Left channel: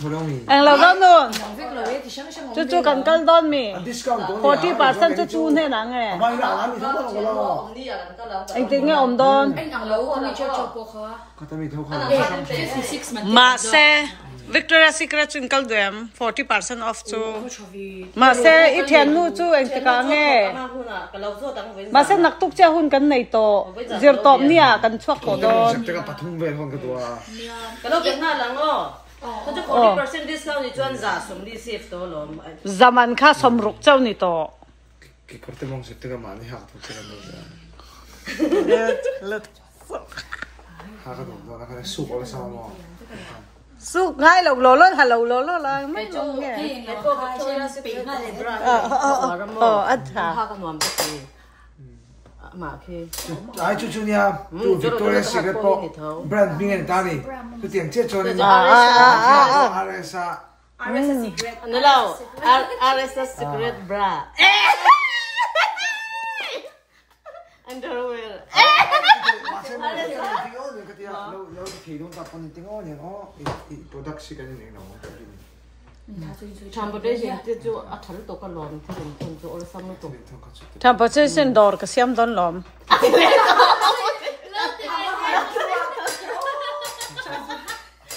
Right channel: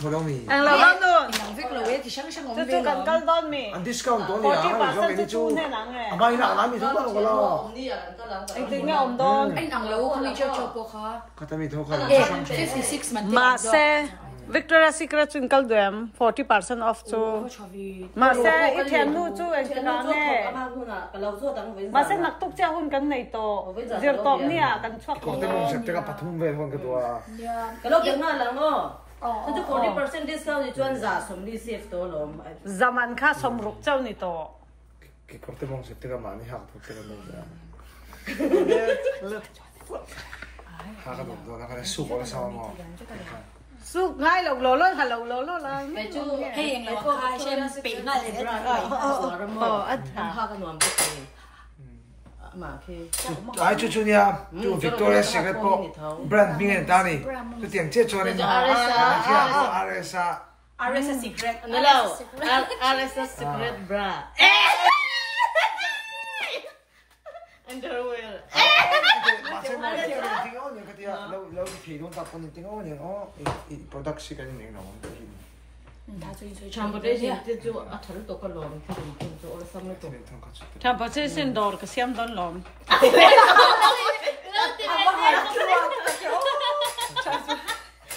thôi đâu mi anh lâu lắm luôn chú cần đón mi discount 40% chú thế nào nghe mai nào làm gì thôi đâu có anh tính nghe ông đón anh ăn lâu anh cho cô khó có tao mi thôi không mà xe Victoria's Secret in Calduem 40% off chú mà xe ít tiền nu chú anh tự cả nghe mà xe nặc tục cha hun cần này to giờ top nè cần chuộc cổ đó sẽ cái bắt thùng về hơn cái đó cái lâu Việt Nam lắm đó có chút 40% discount thì chuyên giả sớm đi save đó rồi zaman kha som ruk chau ni to cái có thể mong sẽ cái mà này học thuộc cái đó ha cái đó là cái súp ở sau mà su ngay lầu lô lô hello lô lô là mấy chú nghe cái ngày cô hai xem bị mà lên anh thà mà khi ai chú nha chú Victoria's Secret po brand mình này ta này chú tiền chết cho nên RSA Secret anh lâu RSA Secret bra underwear lâu thì chúng ta còn tiếng ó nhỉ ó product cái này nó transportation thì chú thằng tôi có lon chú là xong rồi transportation door ka siam don lom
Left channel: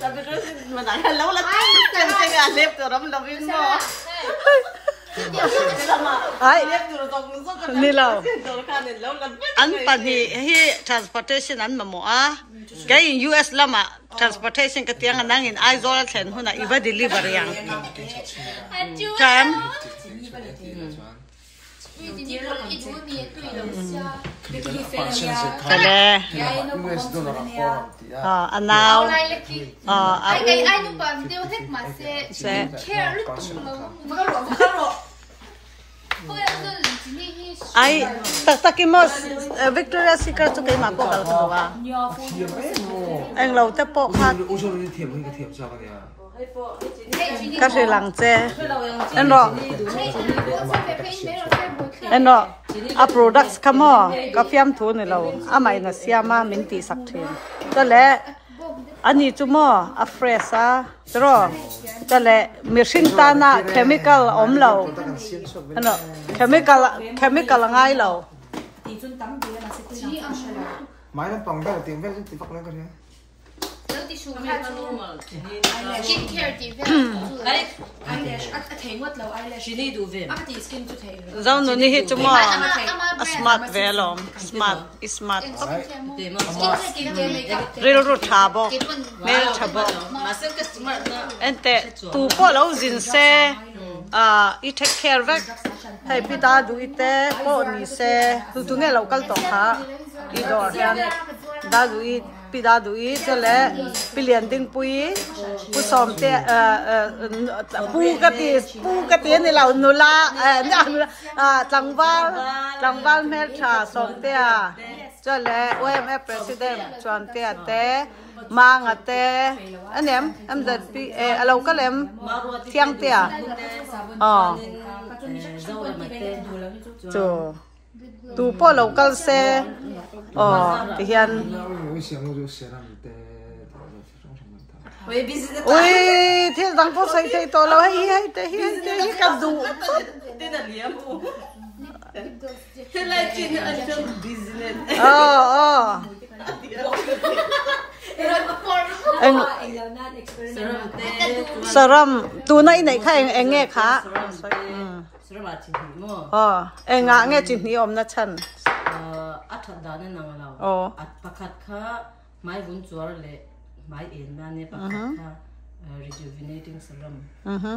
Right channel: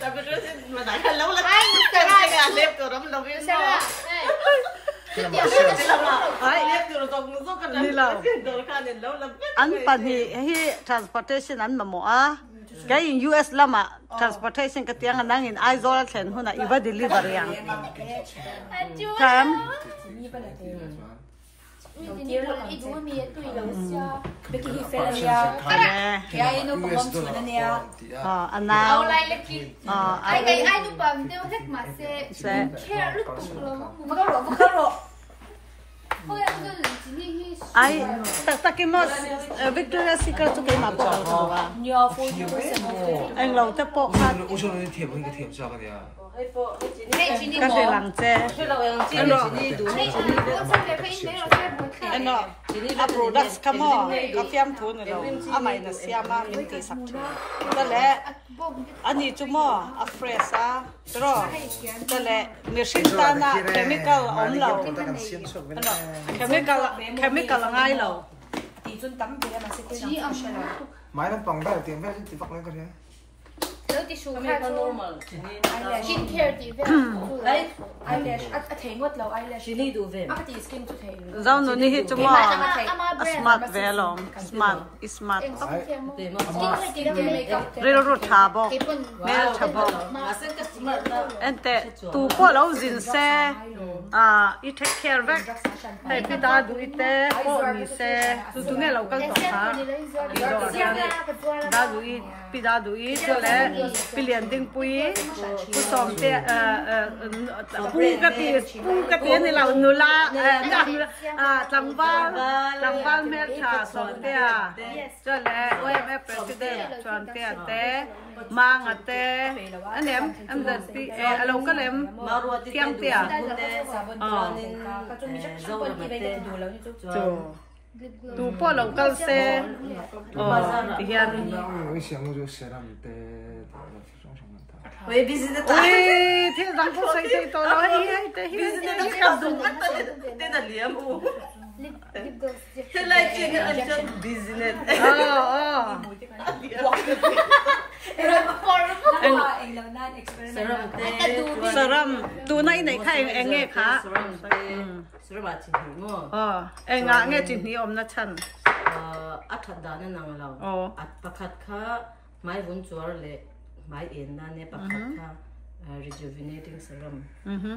transportation mà đang lâu là cái này đẹp rồi đó biết sao ai ni lo an pan hi transportation an ma mo a cái in US lama transportation ka tiang nang in aizol thlen huna iba delivery yang kam anao ai tak ki mos Victoria's Secret chu kai ma po kal khawa anh lâu te po khat ô số này thiệp cái thiệp sao cái này ka se lang che anh đó a products kamo ka fiam thu ne lo amai na siama min ti sak the ta le ani chu mo a fresh a tro ta le machine ta na chemical om lo ano chemical ngai lo máy nó bằng bao tiền về thì bắt lên cái này lâu thì xuống khá skin care thì về eyelash thấy ngất lâu eyelash she need to về thì skin to thấy zau no ni hi chu mo smart ve lo smart real ro tha bo mel tha bo ente tu po lo jin se I take care vek hay pita du ite po ni se tu nge local to kha I do hian da du I pida du I chole pilian ding pui pu som te pu ka ti ni lau nula tlangwal mel tha som te chole OMF president chuan te mang ate anem am that pi alo kalem thiang te cho tu po local se ti hian oi business oi thil dang po sai te to lo hay te hi ka du te na liam mo te la chin an business saram tu nai nai kha eng nge kha saram chin hi mo enga nge chin hi om na chan athat da na nang lao at pakhat kha mai vun chuar le mai en na ne pakhat kha rejuvenating serum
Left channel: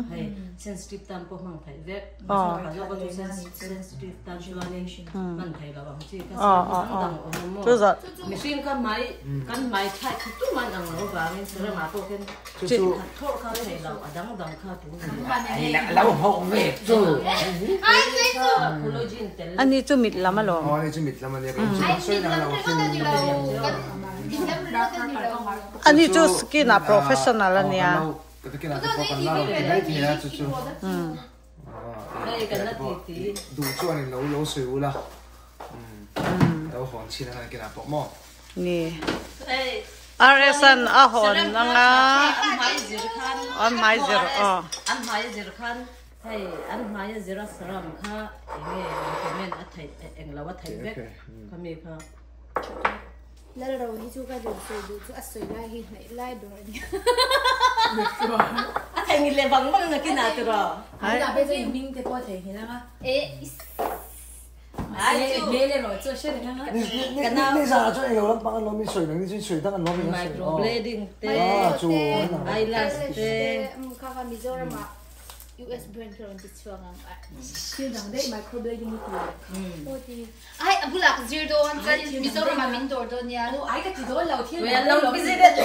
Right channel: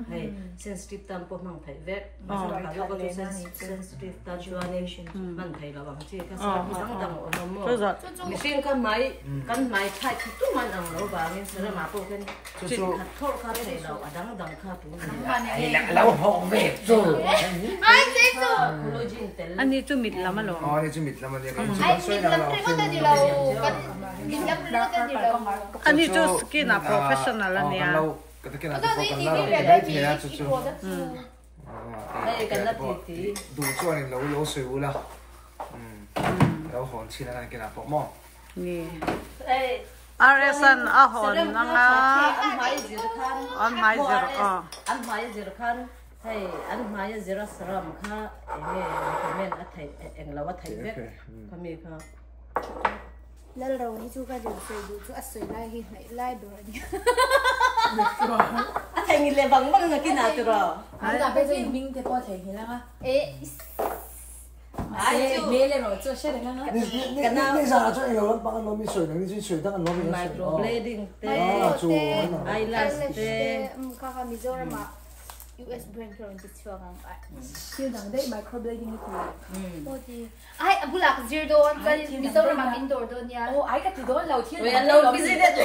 hay sensitive tam po mang thai ve lo ko sensitive tam juanation man thai la bang chi ka dang om mo machine kan mai thai tu man ang lo ba min serum ma po ken chu tho ka thai lo adang kha tu lâu hồng về rồi ani chu mit lama lo này chú mít làm này chú bác xoay nào ani chu skin a professional ania cái nào thì còn lâu thì đấy thì là chú đây cái là tí đủ cho này lâu sửa là lâu hòn chi là cái nào bỏ mỏ ni RSN ahon nanga an mai zir khan an mai zir an mai zir khan hey an mai zir saram kha enge recommend athai englawa thai ve kami kha lalo hi chu ka du chu asoi lai hi lai do ni athai ngi le bang bang na kina tu ro ai da bây giờ mình thì có thể hiện ra ai mê lên rồi chưa xét được nữa Nè giờ cho anh lắm bạn nó bị sưởi nó bị sưởi thằng nó bị microblading te chú eyelash te kaka Mizoram US brand ko rin chuang ang chưa rằng đấy microblading oti ai abulak zero don ka Mizoram mindor don ya ô ai cái gì đó lâu thiên we lâu busy de te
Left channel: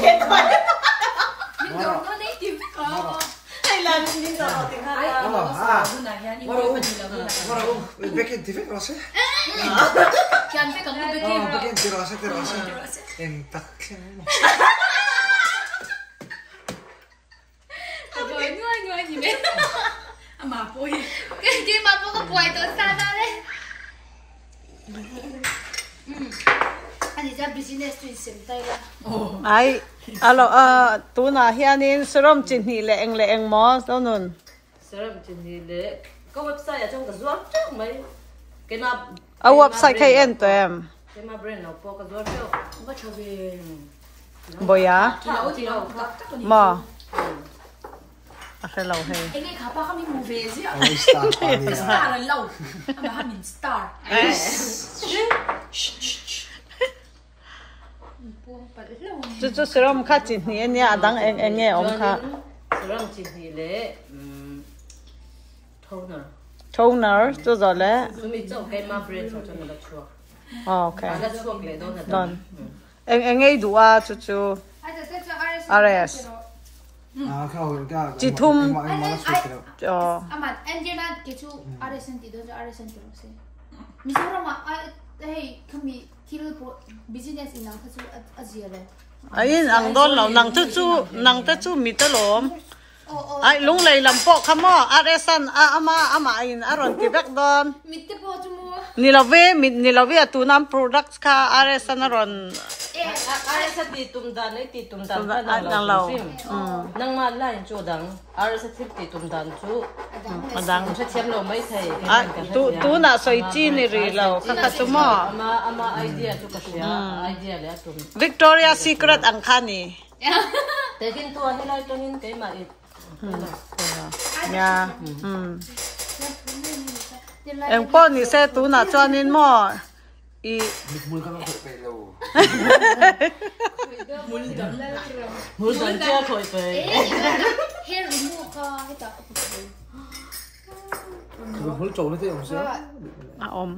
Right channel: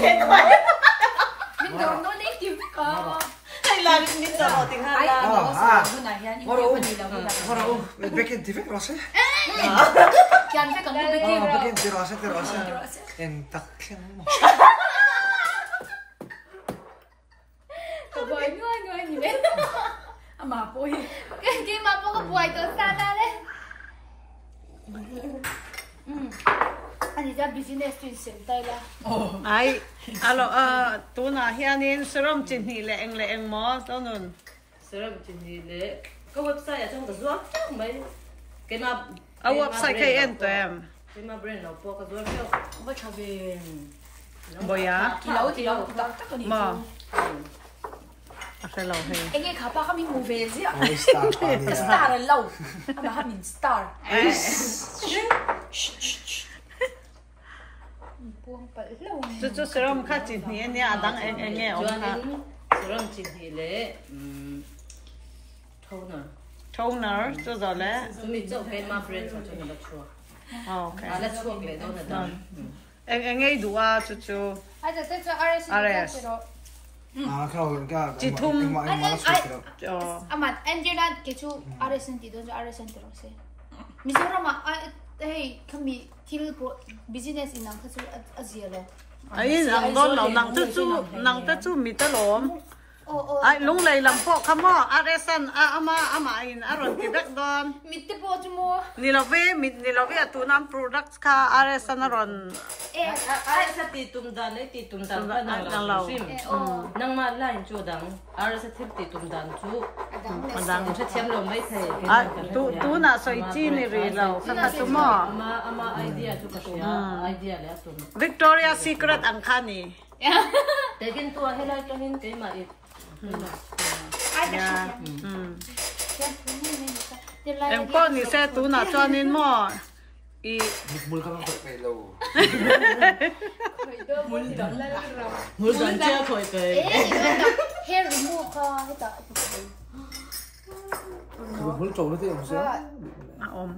mindor no native hay là mình giờ ở tiếng ai Hàn nó sao như này nha nhưng mà bây giờ What đâu Bekin TV rasa làm cái công việc kia Bekin terasa yang tak rồi người gì vậy mà bôi cái mà bố có buổi tối xa ra đấy anh ra business tuyển sinh tay ra ai alo tu na hianin serum chin hi le eng mo to nun serum chin hi le có website ở trong cái zuar trước mấy cái mà a website kay en tem cái mà brand nào po cái zuar trước có thầu về boya thì đâu mo akelaw hey anh ấy khá ba cái mình movie gì ạ star star là lâu mà hai mình star chu serum kha chin hi ania adang eng nge om kha serum chin hi le toner chu zo le tumi chau cái mà brand cho nó chua okay cái chua cái đó là don eng ei duwa chu aiจะเต้นจะRS kau Jitum. malas aman Angela ke chu RS ti don RS ti ro se Mizoram hey kami til business inang kha chu azia le ai ang don lo nang te chu mi te lom ai lung lei lam po khamo aresan ama in aron ki bek don mitte po chu mo ni love tu nam products kha aresan aron ai sa ti tum dan nang lo nang ma line chu dang ar sa ti tum dan chu madang chu thiam lo mai thai ai tu na soi chi ni ri lo kha chu mo ama idea chu ka idea le tu Victoria Secret ang khani te kin tu hi lai to hin ke ma i ya em po ni se tu na chuanin mo i mul ka ko pe lo hul dan che khoi pe hair remove ka hita mul chau nó thế không sao om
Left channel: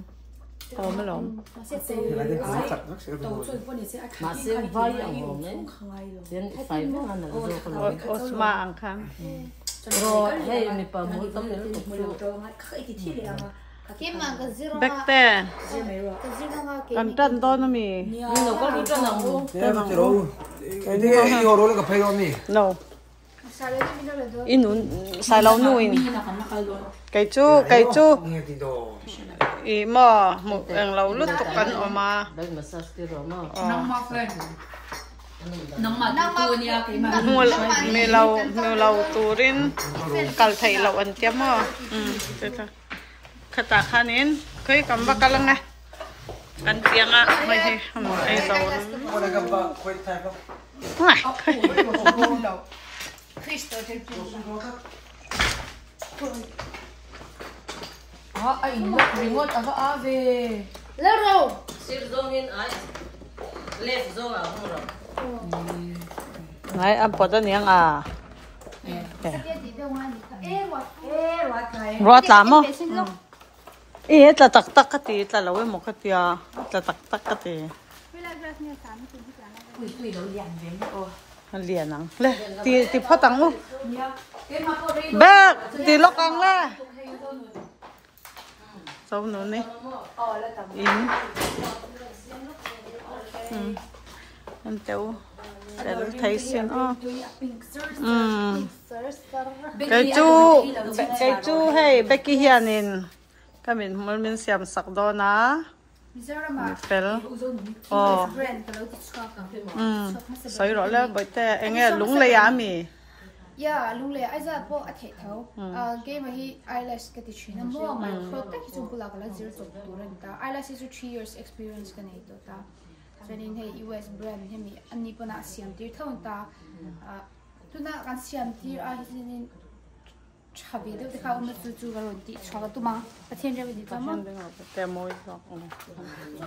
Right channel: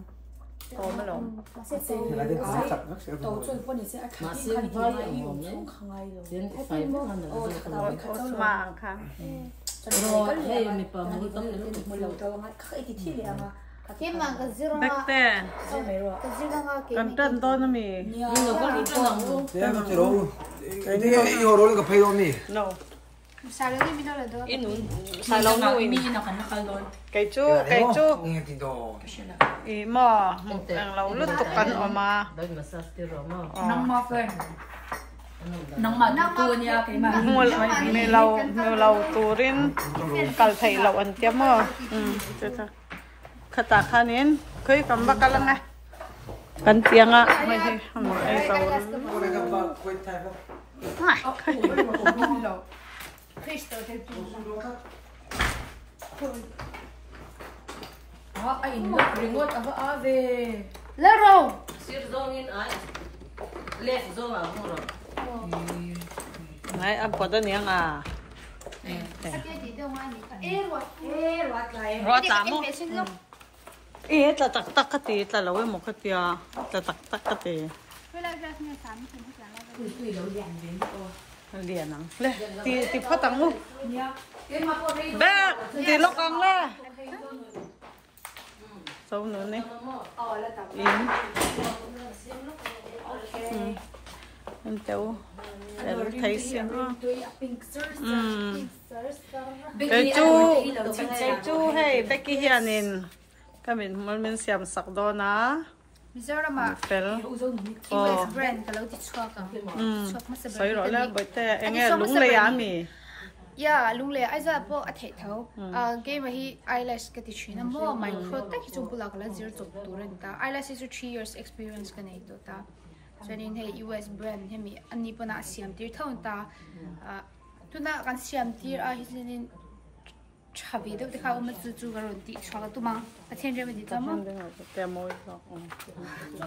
lo là cái cũng chặt nó sẽ đầu xuân con này sẽ ma se vai ang ne yen fai mo na zo ka lo ma ang kha rồi hey mi pa mu tam le tu một lần đầu ngay khơi thì thi lệ mà ke ma ka zero bek te ka zero nga ke kan tan do na mi ni no ko ru tan ang thế mà cái đâu cái hồ đó là cái phay không nhỉ no salo ni minor do inun sai lo nu in mi nó còn nó khai luôn kai chu nghe thì đồ i mo mu ang lo lut to kan oma dai massage ke ro no nóng mà phơi nóng mà tu nha cái mà mi lo turin kal thai lo an tia mo te ta khata khanin khoi kam ba kalang a kan tianga mai he ai to có cái gặp quay thay không ngai Cristo te tu anh remote ở về lero sir zo hin ai left zo a mo ro ngai am poda niang a ke di do nga ni ka wa kai ro ta mo e ta tak ka ti ta lo mo ka tia ta tak ka ti liền nắng le thì phát tăng luôn bác thì lóc ăn le sâu nữa nè in anh cháu để thấy xem cái chú hay Becky hiền cái mình xem sạc đó na Mizoram à pel US brand kalau ti chua ka soi rồi là bởi thế anh nghe lúng lấy á mi ya lung le ai za po a the thau game hi eyelash ka ti china mo micro ta ki chu bulak la zero to turan ta eyelash is 3 years experience ka nei to ta so nin he US brand he mi ani pana siam tir thau ta tuna kan siam tir a hi sin chabi de ka ma zu zu ga ron ti chwa tu ma a chen je di ta ma te moi so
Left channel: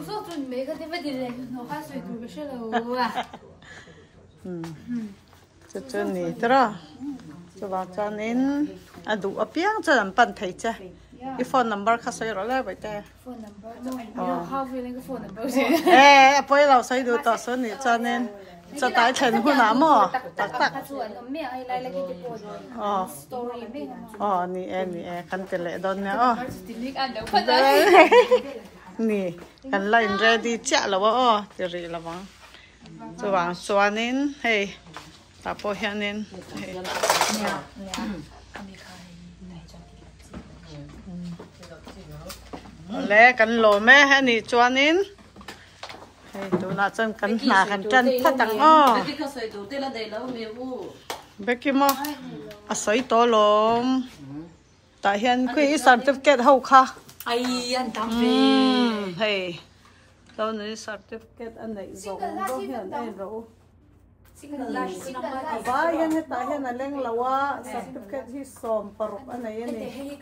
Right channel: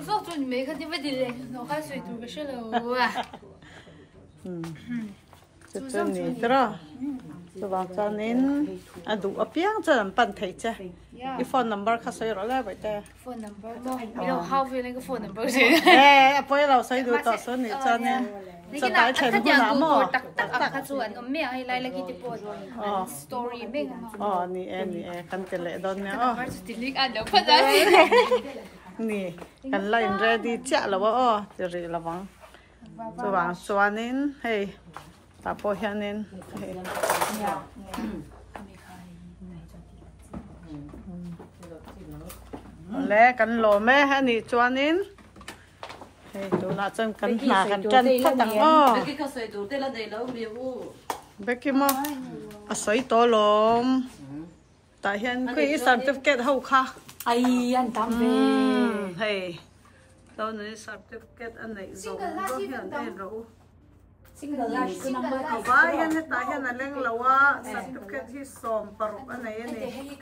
so tu ni me ka ti ba di le no ka sui tu ga she lo wa cho nên đó cho bạn cho nên đủ ấp tiếng cho làm bận thấy chứ cái phone number khác soi rồi lại vậy ta phone number no you know how feeling cái phone number gì bây giờ soi được tao soi nữa cho nên cho tái thành của nó mà tắc tắc cho anh mẹ ai lại cái tipo story mình mà nè cần tiền lệ đó nè delete anh đâu phải đấy nè cần line ready chả là bao thì rồi là vắng cho bạn cho nên hey ta po hian nên lẽ cần lỗ mẹ hay nị cho nên tụi nó chân cần nà cần chân phát tăng bé kia mà sấy to lắm tại hiện cái certificate hậu kha ai anh tạm hey đâu này certificate anh này rồi đó hiện đây rồi Ba yan heta yan aleng lawa certificate hi som parok anay ni.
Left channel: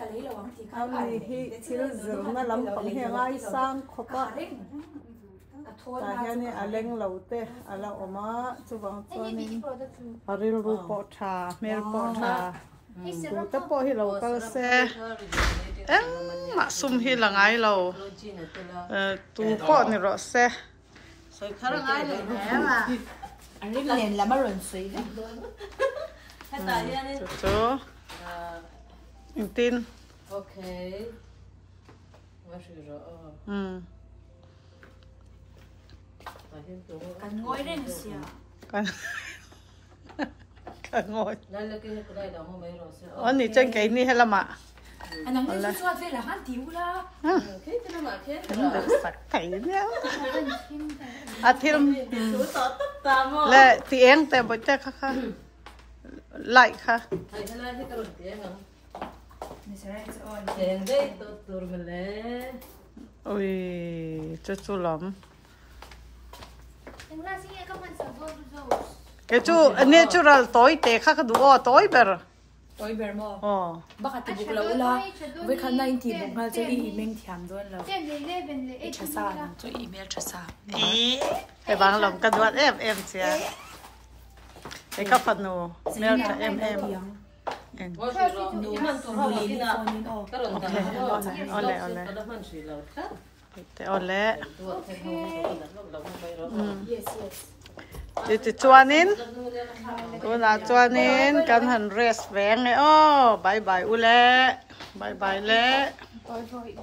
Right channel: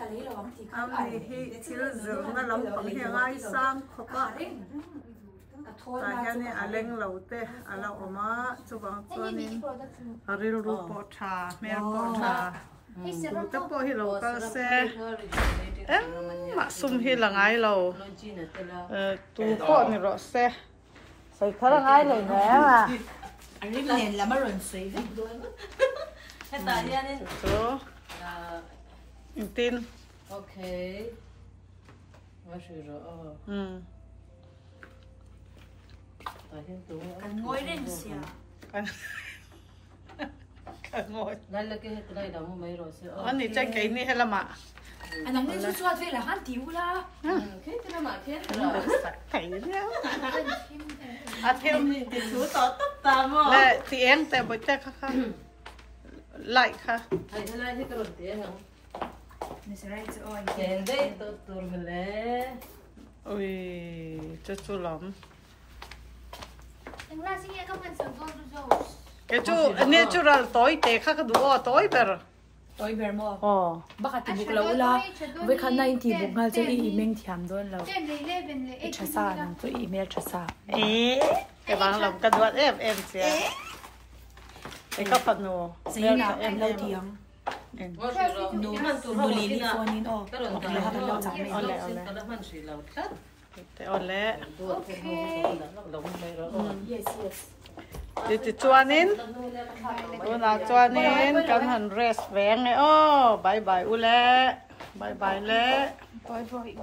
Ami hi til zurna lam pang hi ngai sang khopa. Ta yan ni aleng laute ala oma chubang chuanin aril ru po tha mer po tha. Ta po hi lo ka se em ma sum hi langai lo. Tu po ni ro se. Sai tharang ai le ne ma. anh biết liền là mất rồi suy Chú tin ok cần ngồi lên xíu cần ngồi đây là cái đây đâu mà mấy rồi anh đi trên cái này hay là mà anh nói với chú là hắn thiếu la cái nó mà cái được sạch thấy nhá à thêm chú tỏ tất cả mà lệ thì em tại bữa chắc khá lại khá đây là cái đồ tiền không tiền đấy tôi mình lấy ôi chú lắm cái chú natural tối tệ khá khá đủ tối bờ tôi biết mà bác hạt thì lâu la với khán này thì bụng nga cho email thiam đó là cha sa cho email cha sa cái bằng lòng cái đoạn em chưa cái các phần nô mail cho em no boli ni phone in ole thế ole thì chuanin cô là chuanin cần hành rest vẹn này bye bye ule bye bye le bye bye